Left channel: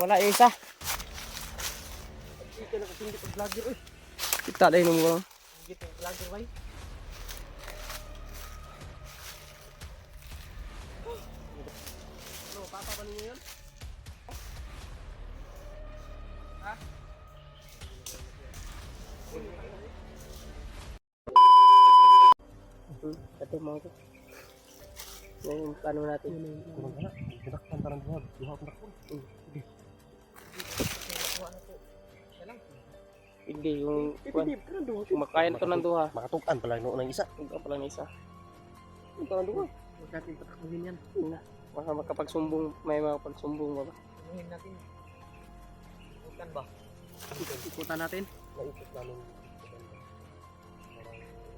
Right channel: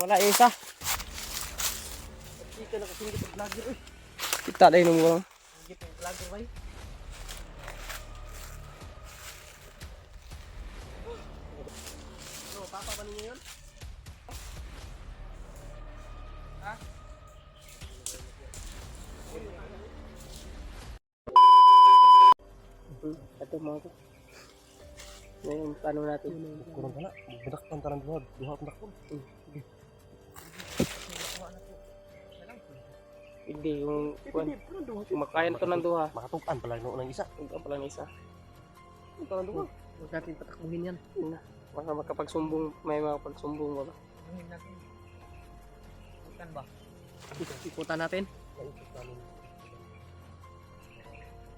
Wala yung isa. Hindi ka nakasingit ang vlogger eh. Kita na yung mga. Singit ang vlogger ba eh. Ano, papa pa ninyo yun? Ha? Ito mga ko. Yung plano natin. Kurang ka na. Budak pang tarang buhag. Buhag na ko. Sige. Hindi, yung kumakain to ng duha. Makatukan pala ng isa. Ang pala na isa. Tarang duha. Huwag natin patakuhin yan. Baka makapagsumbong, may makapagsumbong ba ba? Takuhin natin. Ikutan ba? Ikutan natin?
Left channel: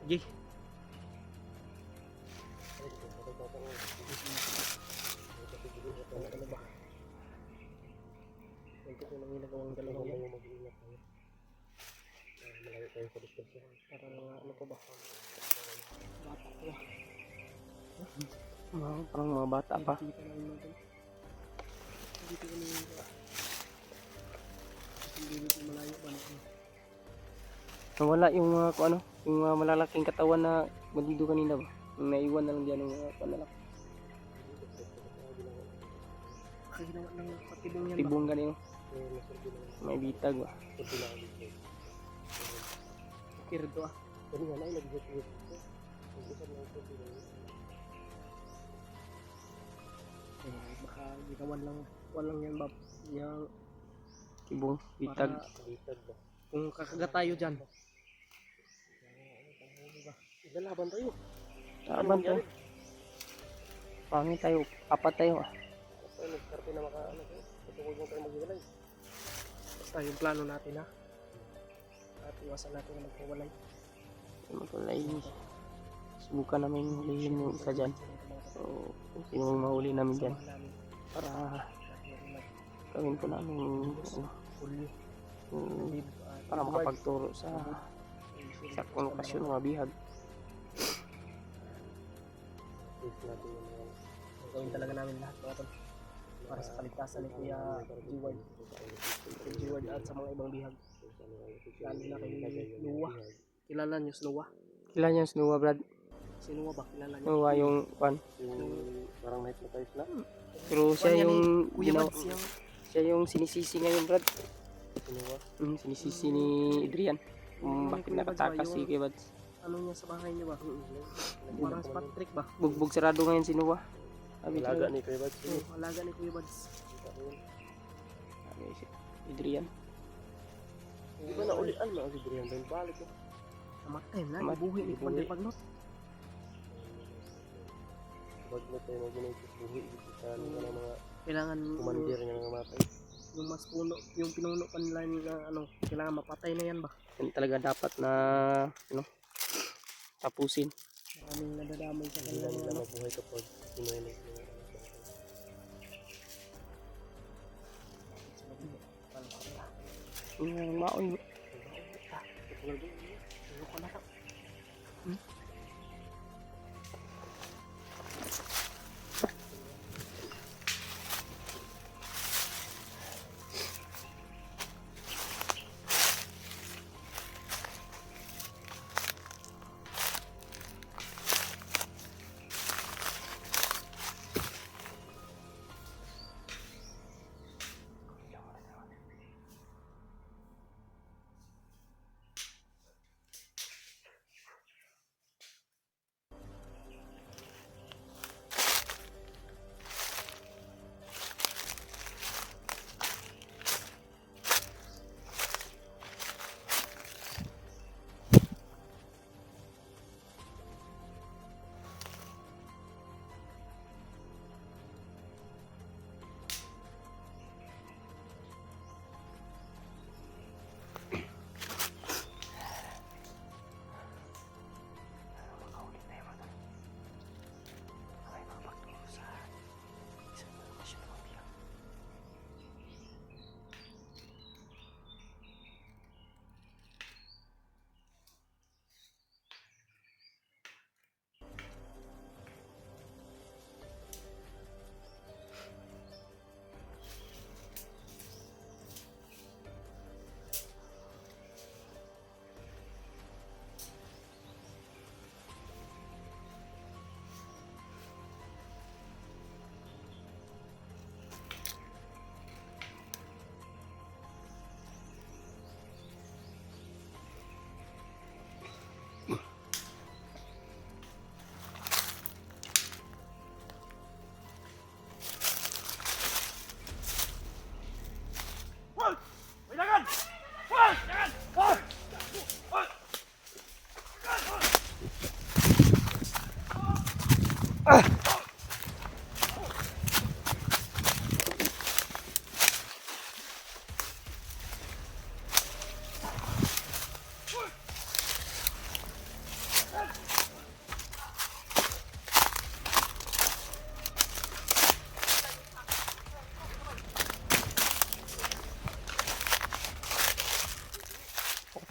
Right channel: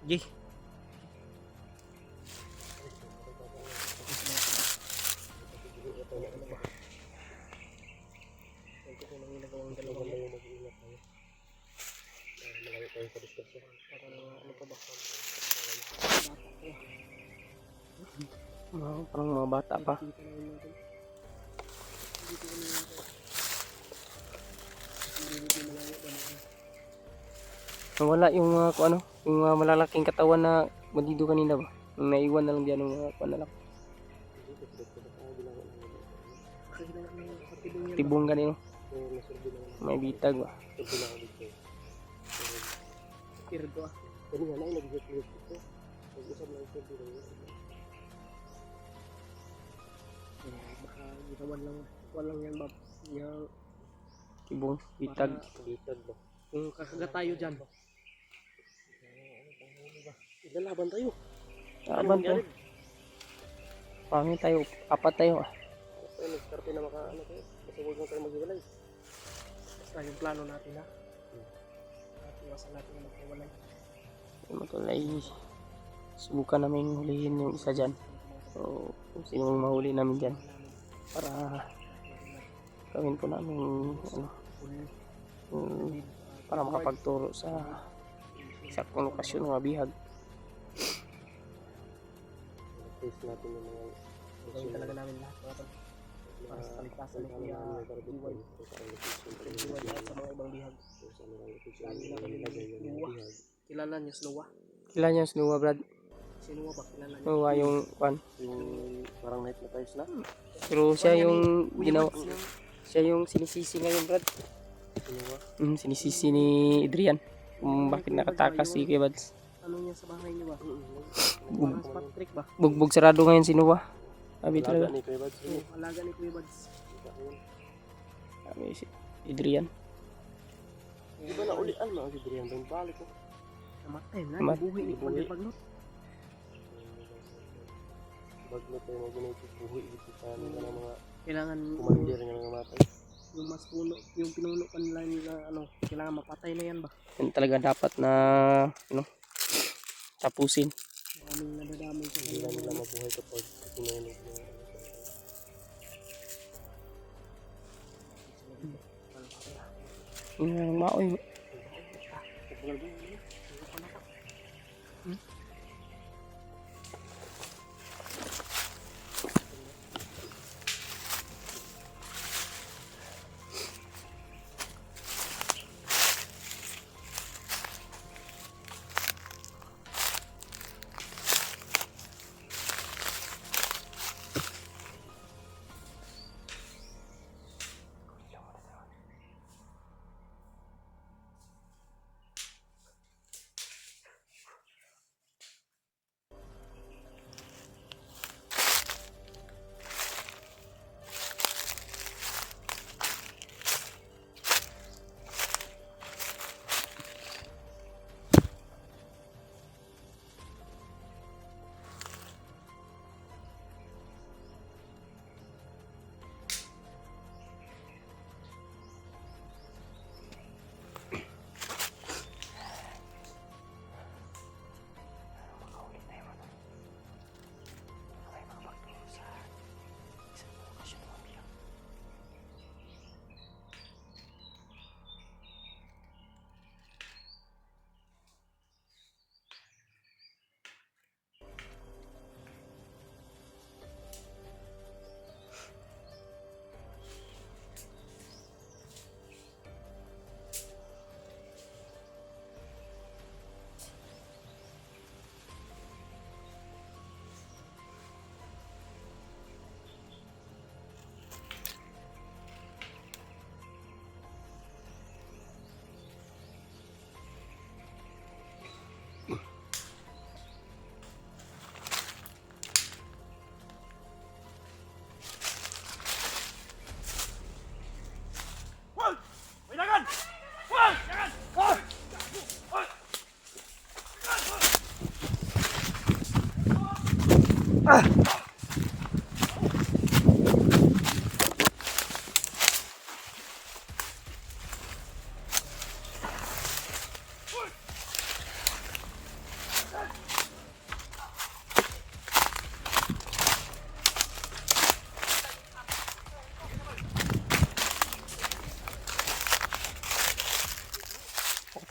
Gi. Parang mga bata pa. Wala yung mga ano, yung mga malalaking katawan na bandido kanina ba? Yung naiwan na lang diyan ng mga panalak. Tibong kanina. May bitag ba? Kirdo ah. Pero wala yung nag-get ito. Nag-usap lang ito dito. Baka ginawan lang. Walang yan ba? Yung Tibong, bitag. bitag ba? Kung kakagat tayo dyan. Lalaban tayo. Laban to. Pangit tayo, apat tayo ah. Nagkarte na makaano tayo. Kasi huwag na tayo mag-iwalay. Basta yung plano natin ha. At iwasan natin na magkawalay. Matulay. Subukan namin hulihin yung isa dyan. So, kung sino mang mahuli namin dyan. Para gawin po namin ano, para makapagturo sa saktong lokasyon ng mga bihag. Gawin talaga namin lahat mga tol. Para sa kaligtasan ni Kuya Jiway. At sa mga ibang bihag. Lalo na kay Luwa. Kilala niyo si Luwa? Kilala niyo si Noah, Brad? Si Luwa ba? Kilala niyo? Noah yung kwan. Yung parang night na tayo sila. Pero siya yung ginawa. Siya yung sinisisi ngayon, Brad. Si Luwa. Sinisisi ni Adrian. Bakit nakatakas si Kuya Bads. Ano niya sa bahay niyo ba? Parang spot trick ba? Bugbog sarado ngayon si Noah. Sabi Alaga talaga. ni Kuya Bads. Alaga ni Kuya Bads. Sabi si Adrian. Hindi ba naulian mga si Adrian? Doon balik ko. Namatay na. Buhay ni Pwede Bagnot. Bagnot tayo mga ginagis buhay. Mga kailangan kumandir niya mga matay. Yung mas puno, yung pinuno pa nila na ano, kailangan mapatay na yan ba? Yan talaga dapat na ano, tapusin. Maraming nadadamay sa kanila. Hindi nila mabuhay kapag pinuno niya. Maoy.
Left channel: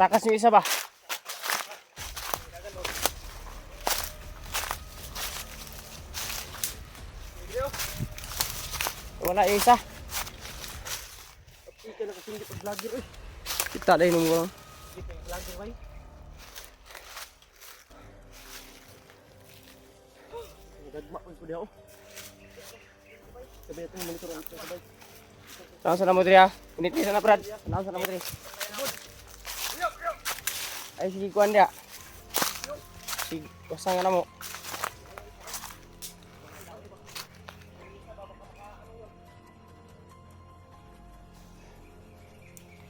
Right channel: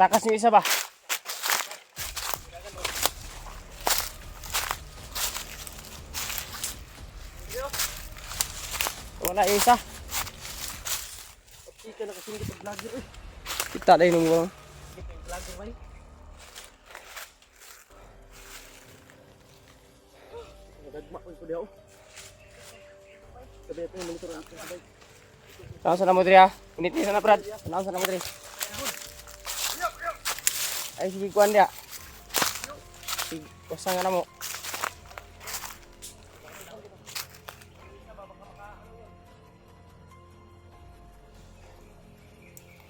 Takas yung isa ba? Wala yung isa. Ika na kasing kita vlogger eh. Kita na yung mga. Kita yung vlogger ba eh. Nagagmak ko diya oh. Sabi ito yung monitor ang sabay. Saan sa namo diri ha? Init ni sana Brad. Saan sa namo diri? Ay sige kuan dia. Sige, usang nga namo.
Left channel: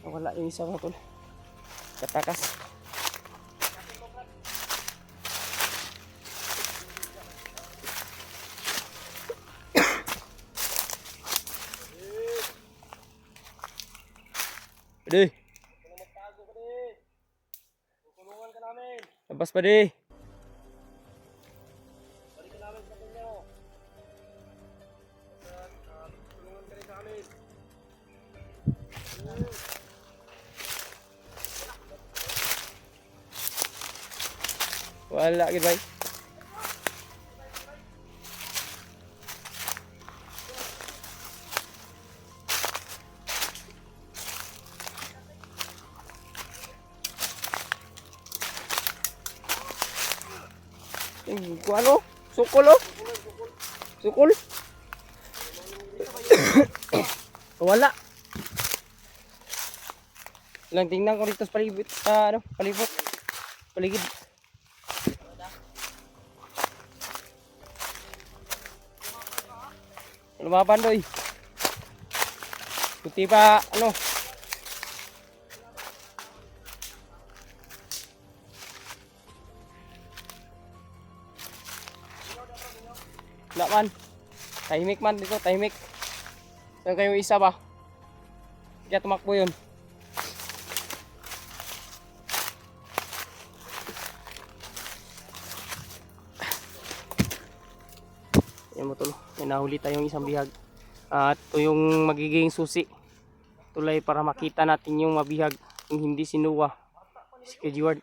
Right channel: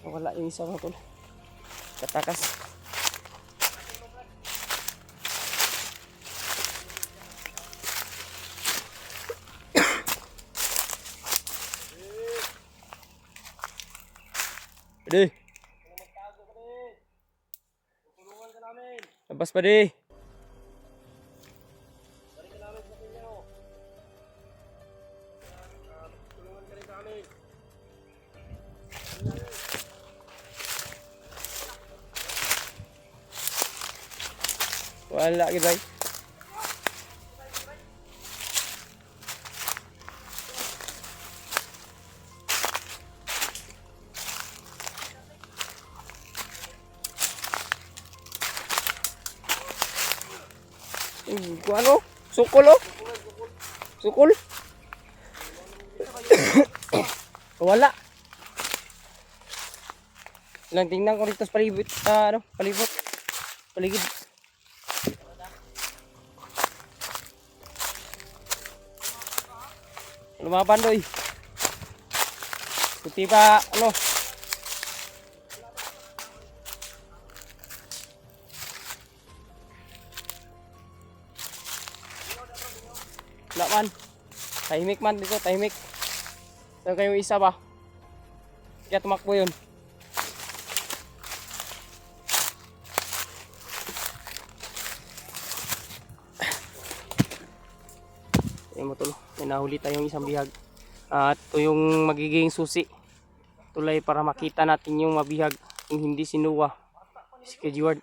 Wala yung isa mga tol. Katakas. Pwede. Labas pa di. Wala gid bay. Kung ano? Sukol oh. Sukol. Wala. Lang tingnan ko dito sa palibot. Ano? Palibot. Paligid. Lumaban doy. Puti pa ano? Wala man. Tahimik man dito, tahimik. So kayo isa ba? Kaya tumakbo yun. Yan mo tulo. May nahuli tayong isang bihag. At ito yung magiging susi. Tulay para makita natin yung mabihag. Yung hindi sinuwa. Si Kejward.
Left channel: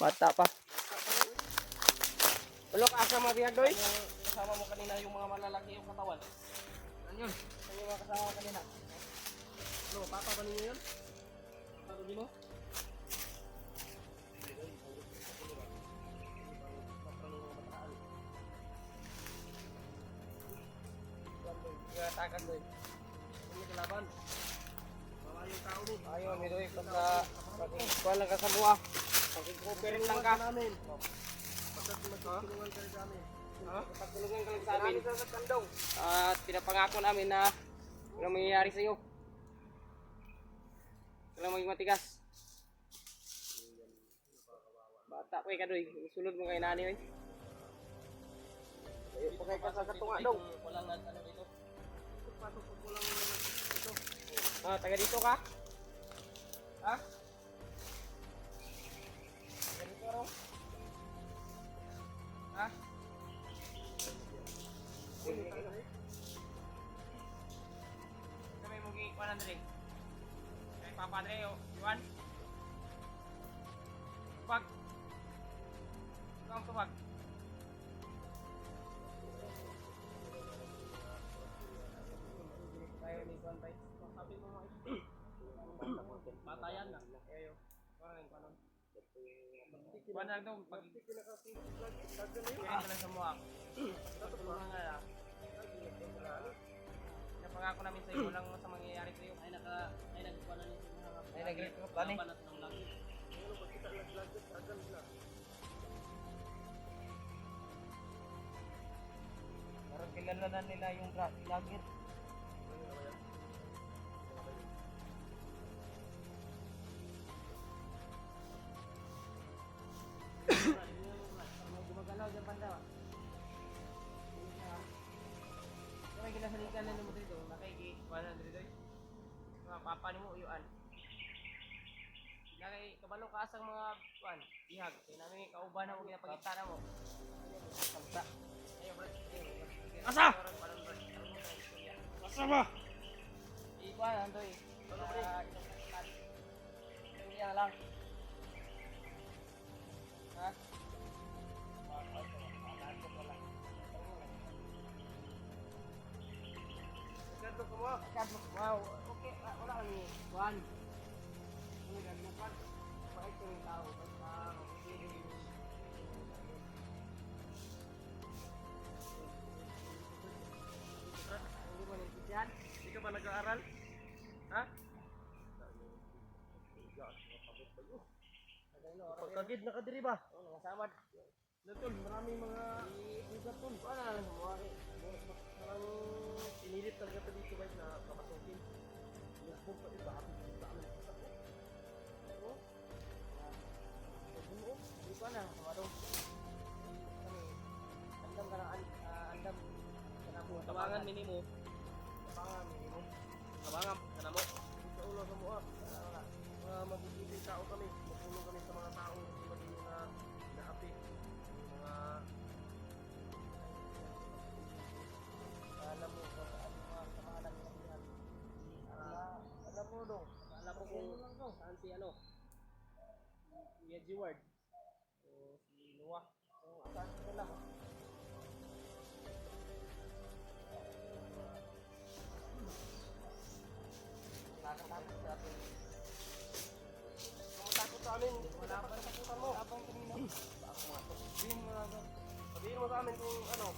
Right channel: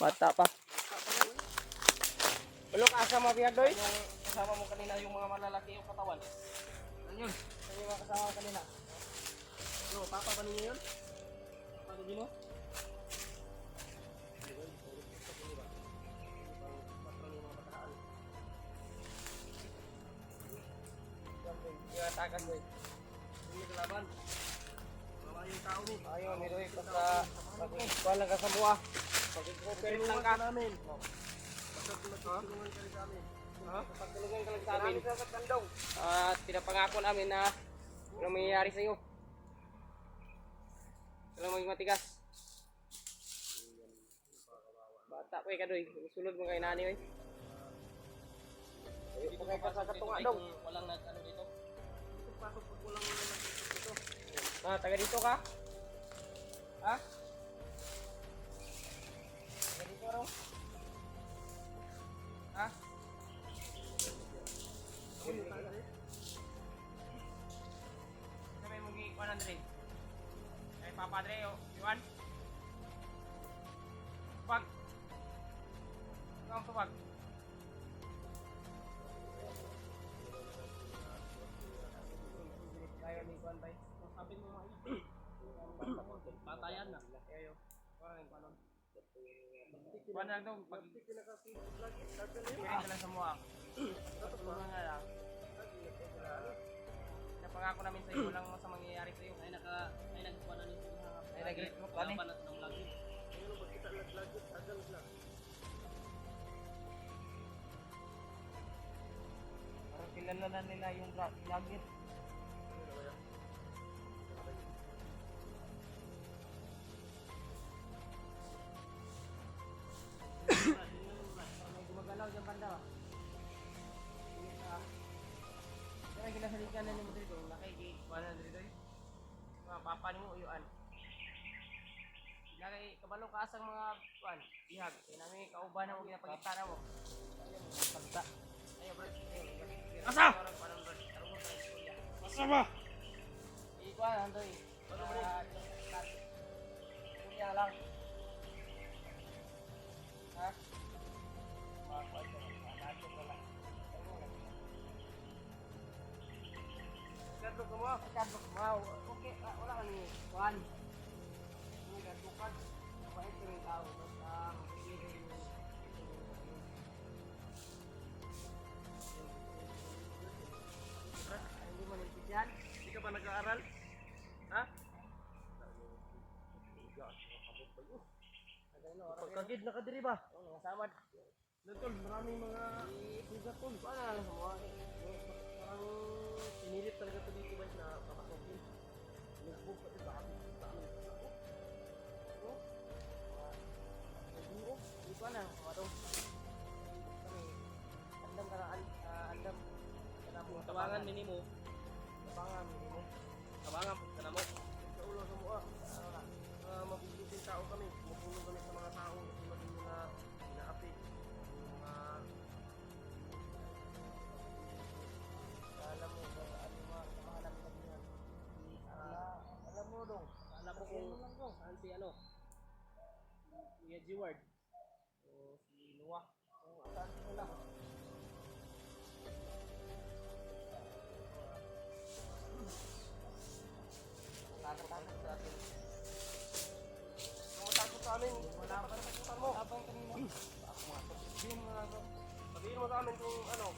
Bata pa. Ulok asa mabihag doy? Kasama mo kanina yung mga malalaki yung katawan. Ano yun? Ano yung mga kasama mo kanina? Ano, papa ba ninyo yun? Papa din mo? Takan mo eh. Hindi kalaban. Wala yung tao ni. Ayaw ni doy. Wala ka sa buha. Pagkikipin lang ka namin. Basta magtulungan ka rin sa amin. Pagtulungan ka lang sa amin. At pinapangako namin na walang mangyayari sa iyo. Walang maging matigas. Bata ko ka doy. Sulod mo kay nani oy. Dito kay kasagat mo ano? Walang ano dito. Dito pasok pag walang nag-isip dito. Taga dito ka? Ha? Taga dito raw? Ha? Sabi mo gi 100. Kay Papa Dre, Yuan. Tubag. Tubag. Tayo ni Juan tay. Sabi mo mga patayan na. Ayo. Parang yung kanon. Kuan lang daw pag pirin ka lang sa muha. Tulungan nga lang. Napangako namin sa iyo walang sa mangyayari sa iyo. Ay nagkuha na nito mga. Ay nag-recruit pa ni. Ano ba kita nag-vlog agad na. Parang kilala na nila yung vlogger. May gumagalaw dyan banda ba? May ginasalikan na mo dito. Nakaigi 100 dito. Mga papa ni mo uyuan. Nakay kabalo ka asang mga kuan, bihag. Kaya namin kauban na mo ginapakita na mo. Ayaw mo pagta. Ayaw bro. Asa? Asa ba? Ikuan antoy. Istorya lang. Kadlok mo. Okay, wala ka ni Juan. Ano kadlokan? Pait ko rin tao. Basta magpipili yung hindi mo naintindihan? Hindi ka ba nag-aaral? Ha? Pagkagid na ka diri ba? Mga samad. Tol, maraming mga bigat tol. Paano na lang sa mga Parang pinilit talaga ito dito guys na kapasukin. Nagbog pa iba. Dami sa ako. Hindi ko na, mga tong. Andam ka na, andam ka na mo. Tabangan minimo. Tabangan, minimo. Tabangan pag kana mo. Sa ulo sa mua. Mga mabubuting tao kami. Mapulong kami sa mga tao. Tulad ninyo na inaapi. Yung mga Alam mo, ano mga kamahalang nabihan. Alam mo dong. alam mo kung saan si ano. Si Edward. O si Noah. Kung saan sila. Nakakatakot sa atin. Matakot sa amin. Wala pa Katakutan mo. Abang kanina. Sabihin mo na sabihin mo sa amin kung ano.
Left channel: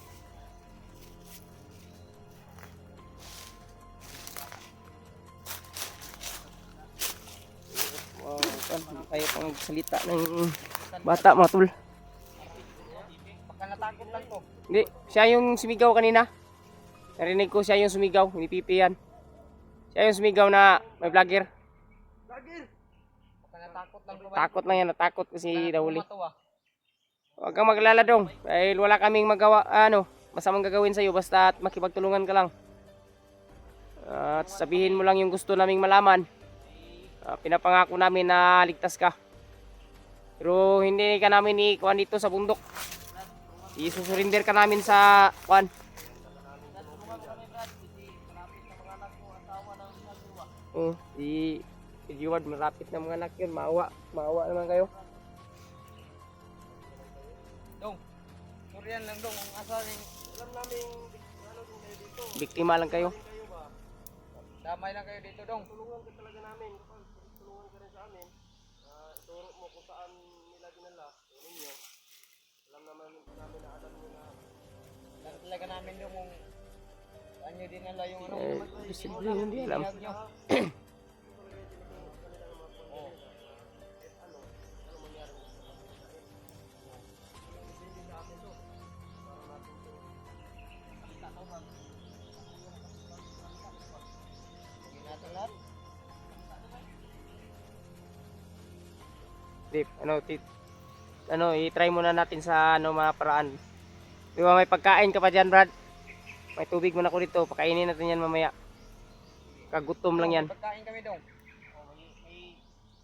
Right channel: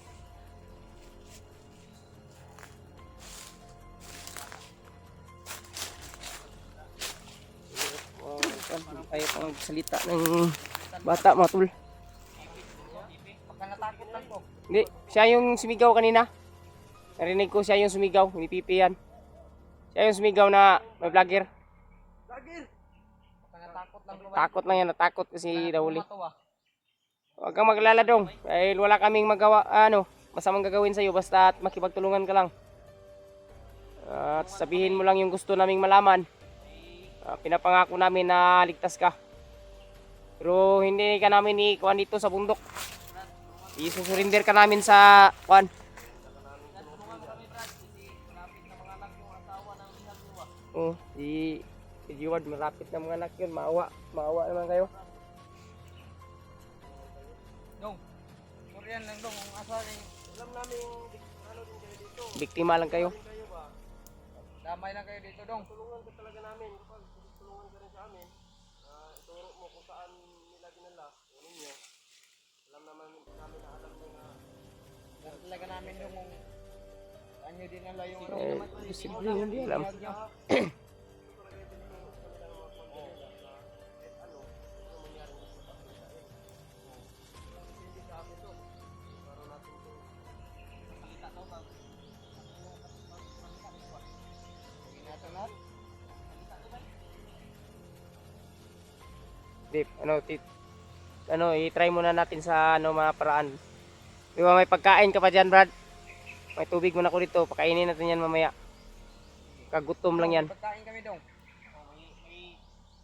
Ayaw pa magsalita ng bata, mga tol. Natakot lang ko. Hindi, siya yung sumigaw kanina. Narinig ko siya yung sumigaw, hindi pipi yan. Siya yung sumigaw na may vlogger. Lagir. Takot lang yan, natakot kasi nahuli. Huwag kang maglala dong, dahil wala kaming magawa, masamang gagawin sa'yo, basta makipagtulungan ka lang. At sabihin mo lang yung gusto naming malaman. Pinapangako namin na ligtas ka. Pero hindi ka namin ikuan dito sa bundok. Isusurinder ka namin sa kuan. Oh, si Edward malapit na mga anak yun. Maawa naman kayo. Dong. Muriyan lang dong ang asaling. Alam namin ano din kayo dito. Biktima lang kayo. Kayo ba? Damay lang kayo dito dong. Tulungan ka talaga namin. Kapag tulungan ka rin sa amin, ituro mo kung saan nila dinala. Yung ninyo. Alam naman namin na alam nyo na talaga namin yung anyo dinala yung Posible hindi alam. Dip, i-try muna natin sa mga paraan. Di ba may pagkain ka pa dyan, Brad? May tubig muna ko dito, pakainin natin yan mamaya. Kagutom lang yan. pagkain kami dong.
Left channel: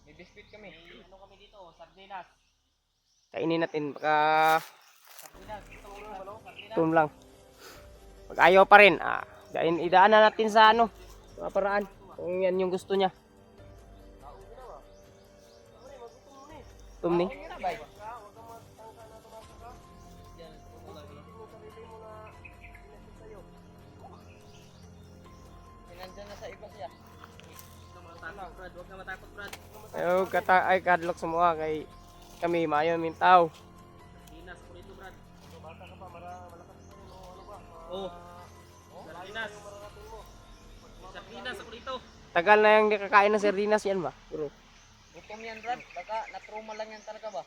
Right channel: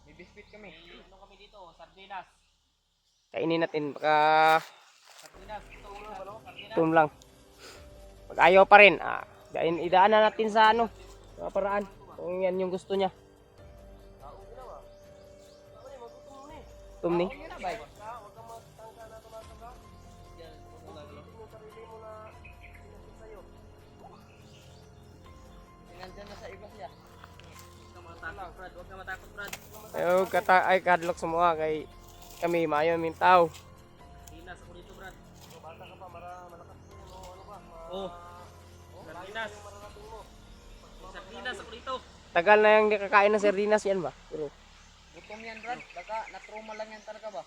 May biscuit kami. Ano kami dito? Sardinas. Kainin natin, baka Sardinas. gutom lang. Pag ayaw pa rin, idaanan natin sa mga paraan. Kung yan yung gusto niya. Gutom ni. Nandiyan na sa iba siya. Huwag ka matakot, Brad. Ayaw ay kadlok sa mga kay kami maayon min tao. Sardinas ako dito, Brad. Bata ka pa, malakas pa yun o ano ba? Oo. Sardinas. Sardinas ako dito. Tagal na yung kakain ng sardinas yan ba? Pero Gutom yan, Brad. Baka na-trauma lang yan talaga ba?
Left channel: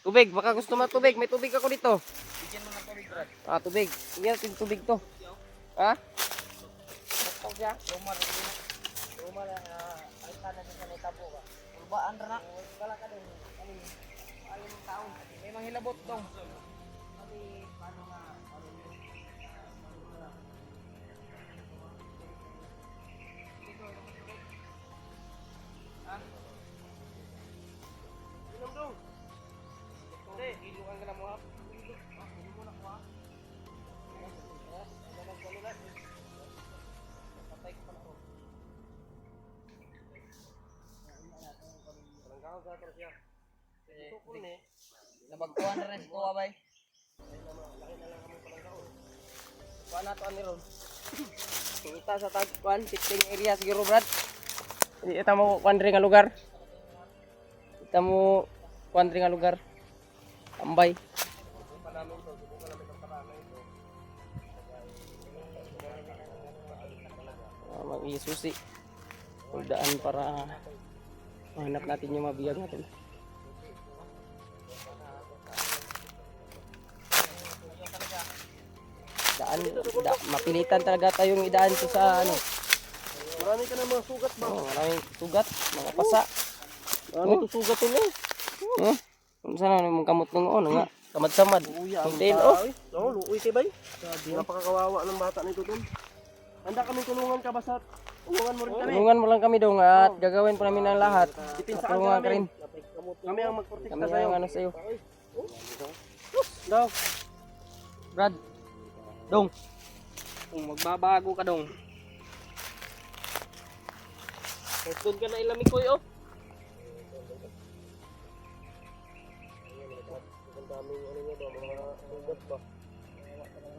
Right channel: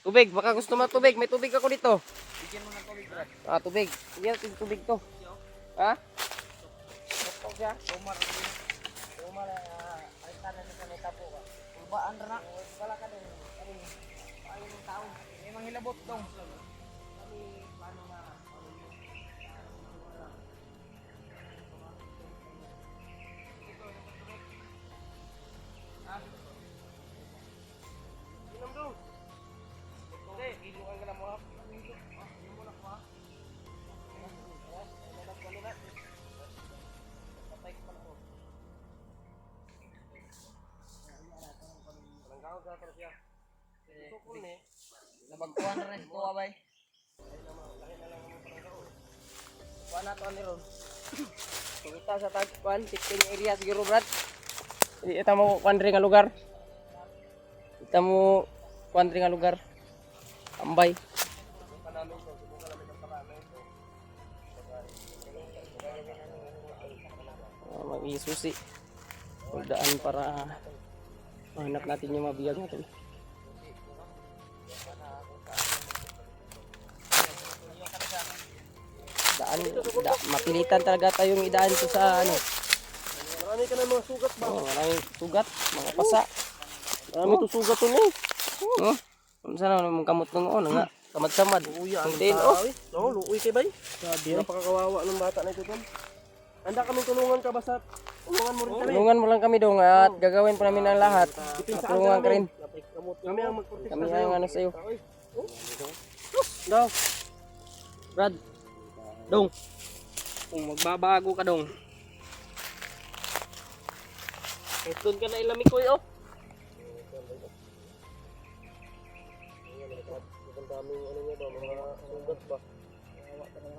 tubig, baka gusto mo tubig. May tubig ako dito. Bigyan mo ng tubig, Brad. Tubig. Yan, tubig to. Ha? Siya? Trauma lang. Ay, tanong sa sanita po ba? Ibaan na na. Wala ka din. Kami, ayaw ng tao. May mga hilabot dong. Kami, paano nga? Ano yun? Dito, yung tubig. Ha? Inom dong. Hindi, ilukan ka na mo ha. Inom mo na ko ha. Ano nagkalulat? Patay ko pala ko. Walang gawag ka pero siya. Sukul ni. Nabagkuhan na rin ko abay. Laki na lang kami palang kaon. Kuha na to ani ron. Punta sa tagpuan, shifting area siguro, Brad. Ita mo kuandre nga lugar. Ita mo kuandre nga lugar. Tambay. Mag-isusi. Daan para mahanap natin yung mabiyag na tol. Mapilitan talaga tayong idaan to sa ano. Marami ka na mga sugat ba? Oh, maraming sugat, mga pasa. Marami to sugat to no. Oh, sana mong kamot nung nga kamad-samad. Uya, Ang tail oh. No, luoy kay bay. Napakakawawa ng bata na ito doon. Handa kaming tulungan ka ba sa tulungan mo rin kami. Tulungan mo lang kami dong at gagawin po namin ang lahat. Tulungan ka rin. Kami ang magprotekta Kami sa'yo. ang ano sa'yo. Daw. Brad. Dong. Kung magbabago ka dong. Doon ka na ilamig ko oh. Ang daming ano niya daw, mga sugat ba?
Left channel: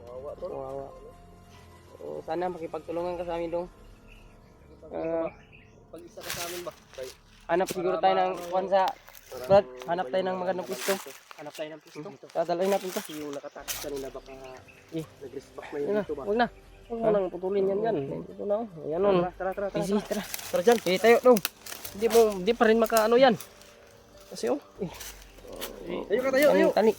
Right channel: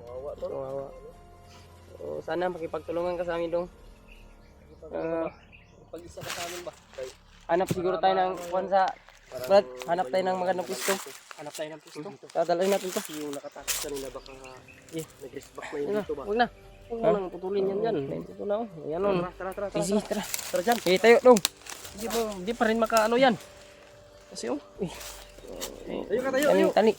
Kawawa to. Kawawa. Sana makipagtulungan ka sa amin dong. Pag-isa ka sa amin ba? Hanap siguro tayo ng kwan sa Brad, hanap tayo ng magandang pisto. Hanap tayo ng pisto. Dadalhin natin to. Yung nakatakas kanina baka nag-risk back na Huwag yung na, dito ba? huwag na. Huwag mo nang putulin yan yan. Ito na oh. Ayan oh. Tara. Easy, tara. Tara dyan. Eh, tayo dong. Hindi pa rin makaano yan. Kasi oh. Tayo ka tayo. Kaming tani.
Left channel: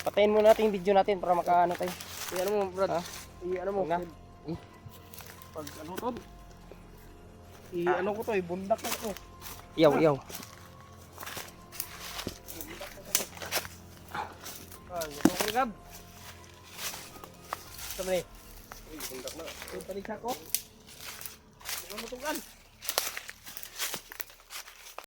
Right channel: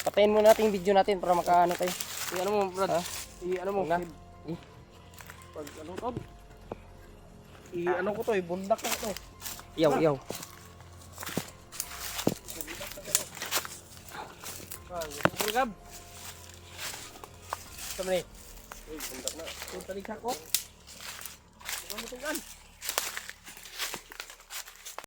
Patayin muna natin yung video natin para makaano tayo. Ano mo Brad? Ha? Ano mo? Huwag na. Pag ano to? Ano ko to bundak ko to. Yaw. Gusto ko gab. Sama ni. Bundak na. Paligsa ko. Ano mo tunggan?